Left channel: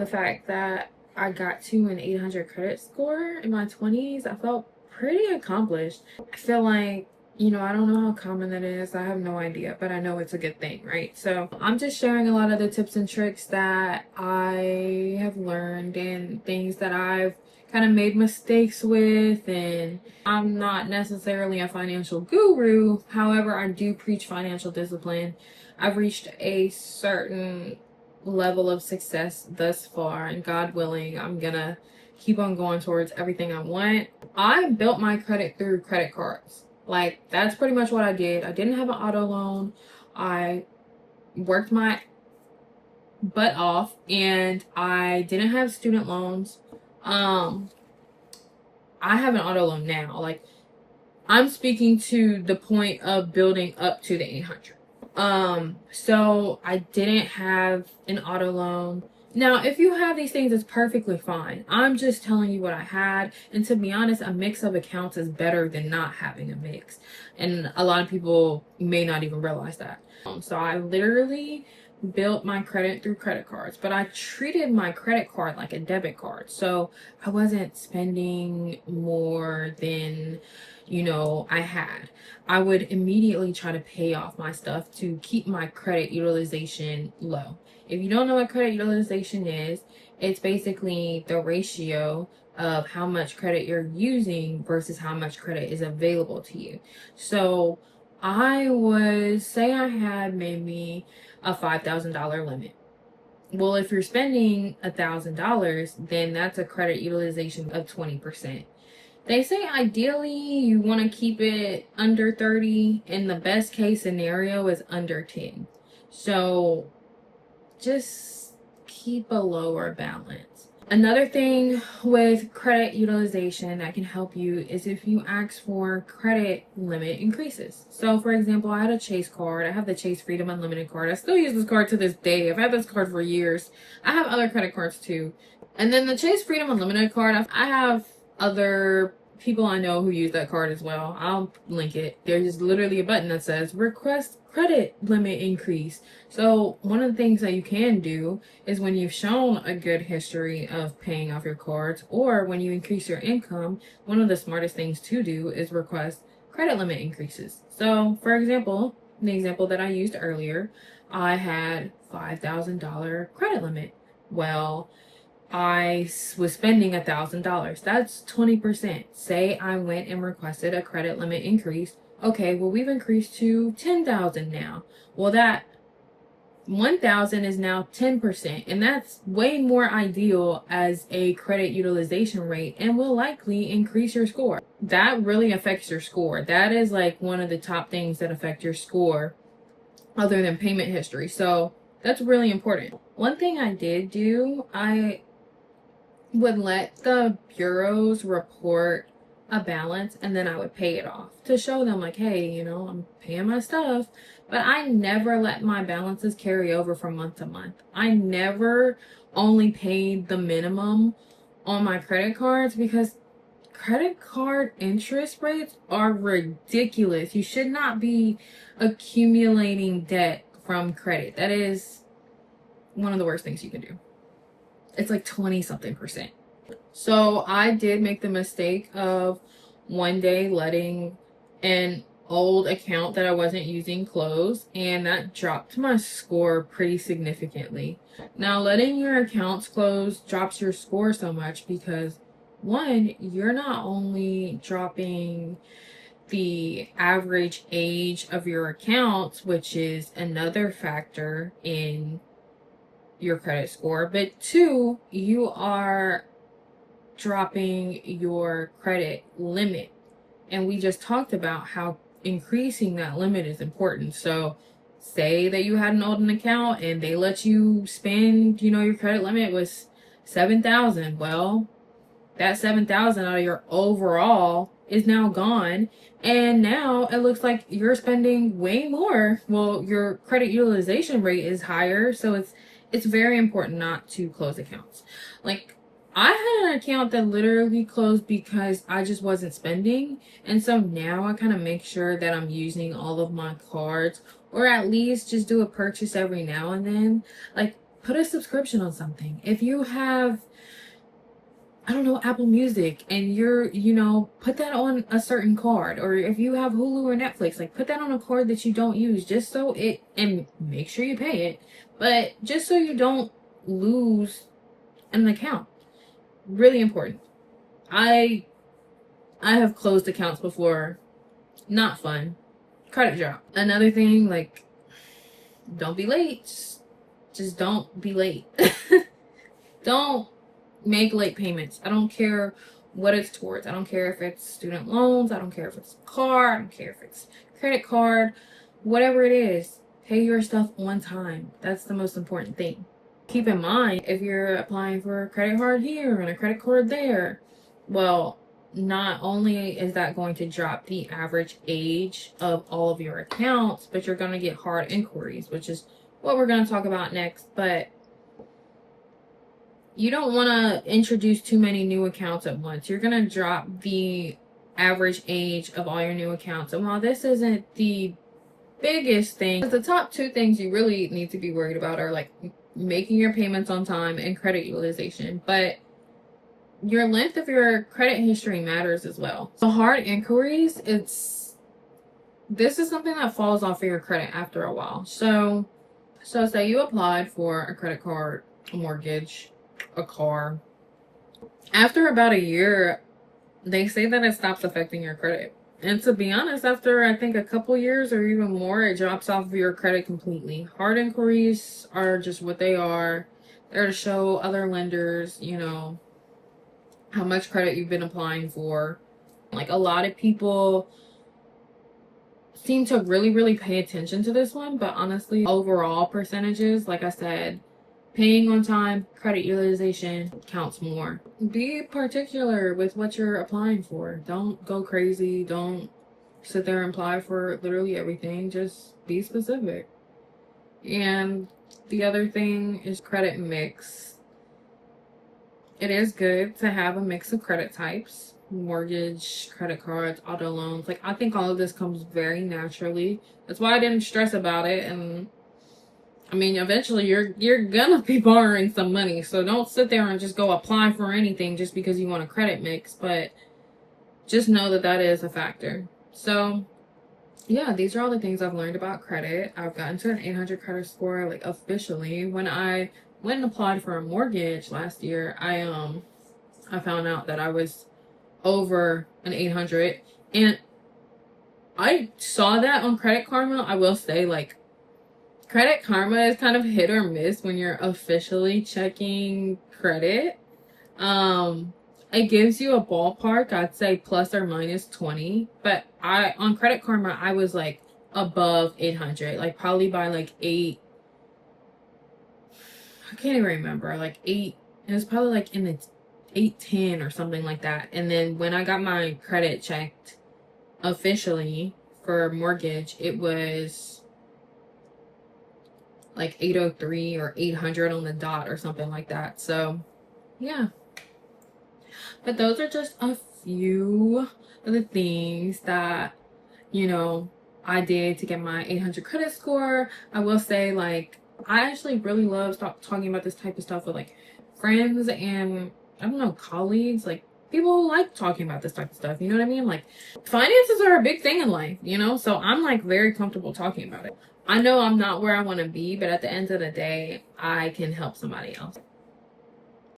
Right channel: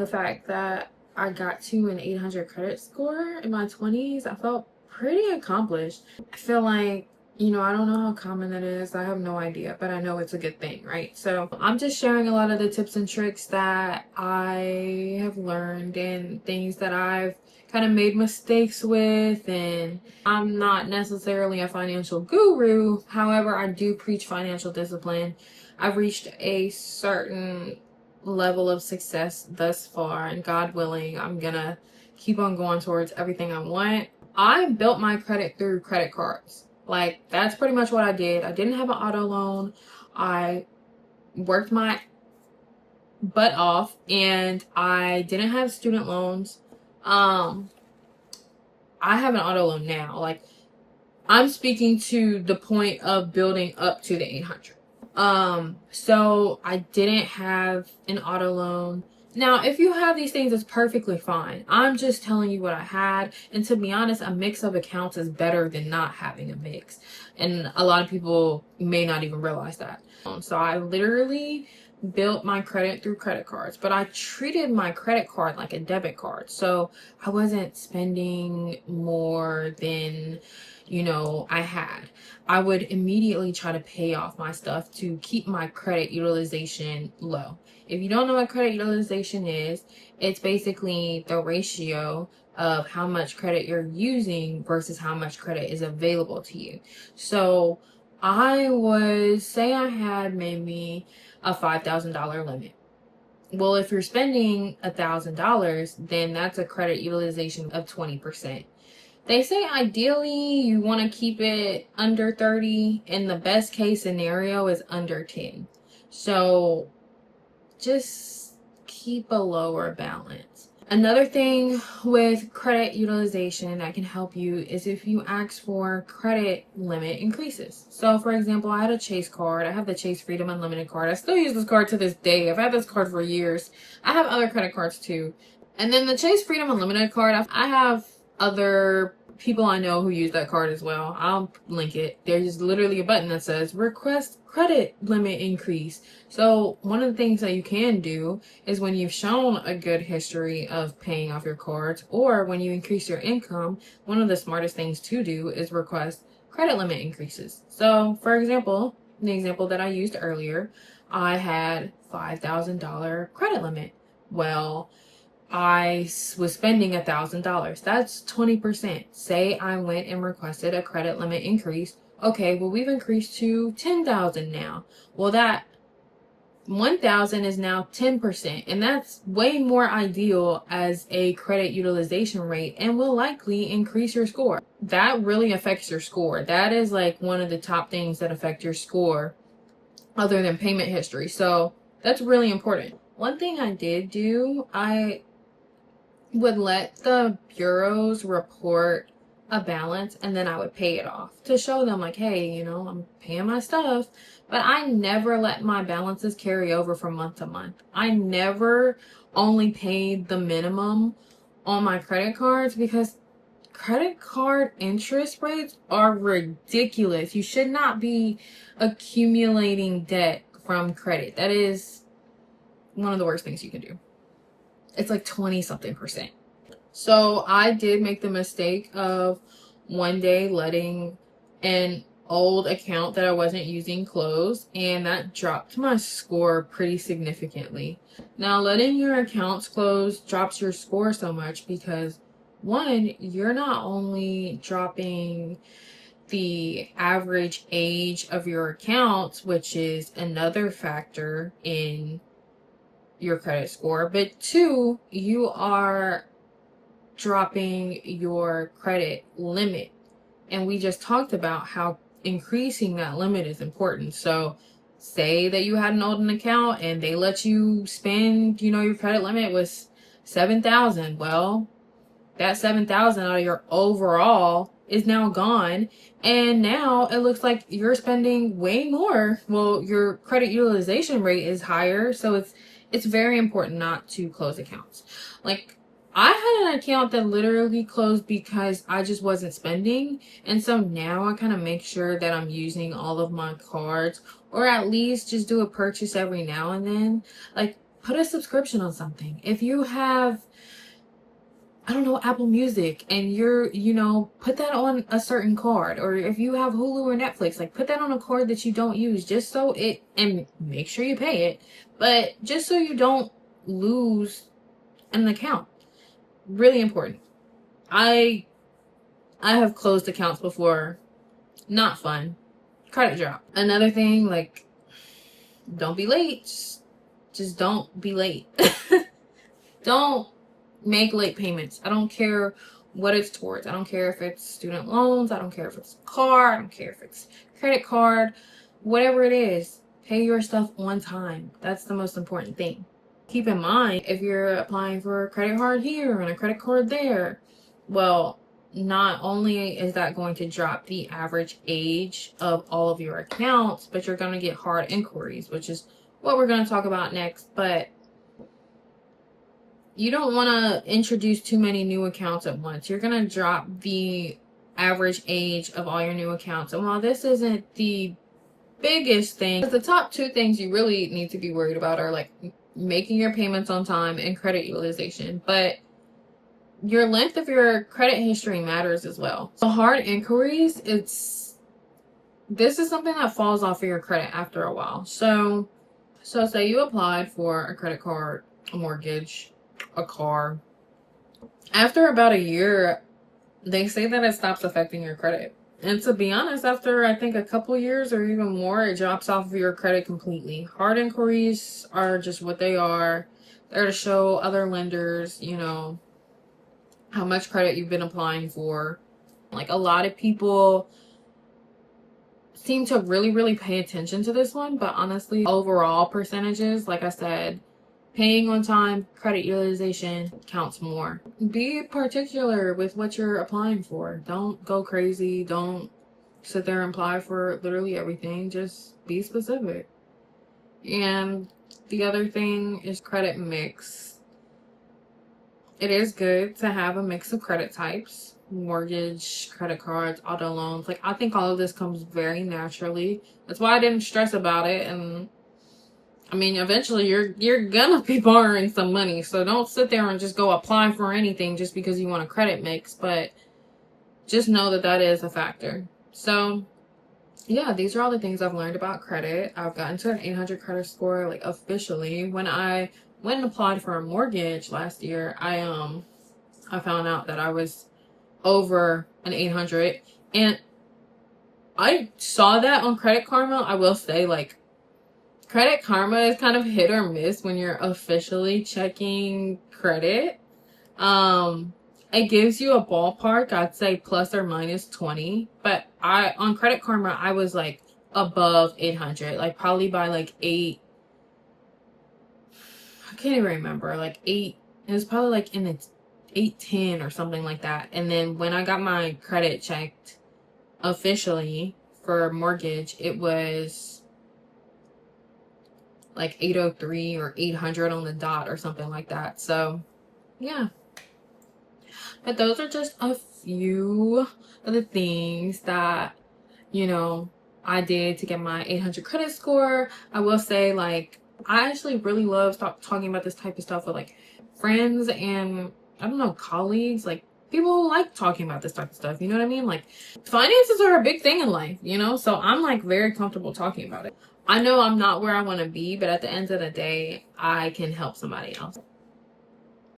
The fact that I got to an 800 credit score in my 20s, I felt pretty accomplished. I feel like, I don't know how common that is. I have no idea, but I know it's a good thing, right? So I'm just sharing a lot of the tips and tricks that I have learned and things that I've kind of made mistakes with. And I'm not necessarily a financial guru. However, I do preach financial discipline. I've reached a certain level of success thus far, and God willing, I'm gonna keep on going towards everything I want. I built my credit through credit cards. Like, that's pretty much what I did. I didn't have an auto loan. I worked my butt off, and I didn't have student loans. I have an auto loan now. Like, I'm speaking to the point of building up to the 800. So I didn't have an auto loan. Now, if you have these things, it's perfectly fine. I'm just telling you what I had. And to be honest, a mix of accounts is better than not having a mix. And a lot of people may not even realize that. So I literally built my credit through credit cards, but I treated my credit card like a debit card. So I wasn't spending more than, I had. I would immediately try to pay off my stuff to keep my credit utilization low. If you don't know what credit utilization is, it's basically the ratio of how much credit you're using versus how much credit is available to you. So I would say I had maybe a $5,000 limit. Well, if you're spending $1,000, then that's a credit utilization of 20%. They say ideally you want to keep it under 30, and the best case scenario is under 10. So just keep a lower balance. Another thing with credit utilization that can help you is if you ask for credit limit increases. So for example, I had a Chase card. I have the Chase Freedom Unlimited card. I still use this card to this day. I've had this card for years. I have other credit cards too. And then the Chase Freedom Unlimited card, I have other people I know who use that card as well. I'll link it. There's literally a button that says request credit limit increase. So one of the things that you can do is when you've shown a good history of paying off your cards, or when you increase your income, one of the smartest things to do is request credit limit increases. So for example, the example that I used earlier, I had $5,000 credit limit. Well, I was spending $1,000. That's 20%. Say I went and requested a credit limit increase. Okay, well, we've increased to 10,000 now. Well, that 1,000 is now 10%, and that's way more ideal as a credit utilization rate and will likely increase your score. That really affects your score. That is like one of the top things that affect your score other than payment history. So that's really important. One thing I did do, I would let the bureaus report a balance, and then I would pay it off to show them like, hey, I'm paying my stuff. But I never let my balances carry over from month to month. I never only paid the minimum on my credit cards, because credit card interest rates are ridiculous. You should not be accumulating debt from credit. That is one of the worst things you can do. It's like 20 something percent. So I did make the mistake of one day letting an old account that I wasn't using close, and that dropped my score pretty significantly. Now, letting your accounts close drops your score so much because, one, you're not only dropping the average age of your accounts, which is another factor in your credit score, but two, you are dropping your credit limit. And we just talked about how increasing that limit is important. So say that you had an old account and they let you spend, your credit limit was 7,000. Well, that 7,000 out of your overall is now gone. And now it looks like you're spending way more. Well, your credit utilization rate is higher. So it's very important not to close accounts. Like, I had an account that literally closed because I just wasn't spending. And so now I kind of make sure that I'm using all of my cards, or at least just do a purchase every now and then. Like, put a subscription on something. If you have, I don't know, Apple Music, and put that on a certain card. Or if you have Hulu or Netflix, like put that on a card that you don't use, just so and make sure you pay it, but just so you don't lose an account. Really important. I have closed accounts before. Not fun. Credit drop. Another thing, like, don't be late. Just don't be late. Don't make late payments. I don't care what it's towards. I don't care if it's student loans. I don't care if it's a car. I don't care if it's credit card. Whatever it is, pay your stuff on time. That's the most important thing. Keep in mind, if you're applying for a credit card here and a credit card there, well, not only is that going to drop the average age of all of your accounts, but you're going to get hard inquiries, which is what we're going to talk about next. But you don't want to introduce too many new accounts at once. You're going to drop the average age of all your new accounts. And while this isn't the biggest thing, the top two things you really need to be worried about are like making your payments on time and credit utilization. But your length of your credit history matters as well. So hard inquiries, this is something that falls off of your credit after a while. So say you applied for a credit card, a mortgage, a car. After about a year, they say that it stops affecting your credit. And to be honest, after I think a couple years or even more, it drops off of your credit completely. Hard inquiries are just what they are. They're to show other lenders, how much credit you've been applying for. Like, a lot of people seem to really, really pay attention to this one, but honestly, overall percentages, like I said, paying on time, credit utilization counts more. Be particular with what you're applying for. Don't go crazy. Don't sit there and apply for literally everything. Just be specific. And the other thing is credit mix. It is good to have a mix of credit types. Mortgage, credit cards, auto loans. Like, I think all of this comes very naturally. That's why I didn't stress about it. And I mean, eventually you're gonna be borrowing some money. So don't sit there and just go apply for anything just because you want a credit mix. But just know that that is a factor. So yeah, these are all the things I've learned about credit. I've gotten to an 800 credit score, like, officially. When I went and applied for a mortgage last year, I found out that I was over an 800, and I saw that on Credit Karma. I will say, like, Credit Karma is kind of hit or miss when you're officially checking credit. It gives you a ballpark, I'd say plus or minus 20, but on Credit Karma, I was like above 800, like probably by like 8. I can't even remember, like 8. It was probably like in the 810 or something like that. And then when I got my credit checked officially for mortgage, it was like 803 or 800 on the dot or something like that. So yeah, but those are just a few of the things that I did to get my 800 credit score. I will say, like, I actually really love talking about this type of stuff with like friends and, I don't know, colleagues, like people who like talking about this type of stuff. You know what I mean? Like, finances are a big thing in life, so I'm like very comfortable talking about it. I know I'm not where I want to be, but at the end of the day, I can help somebody else.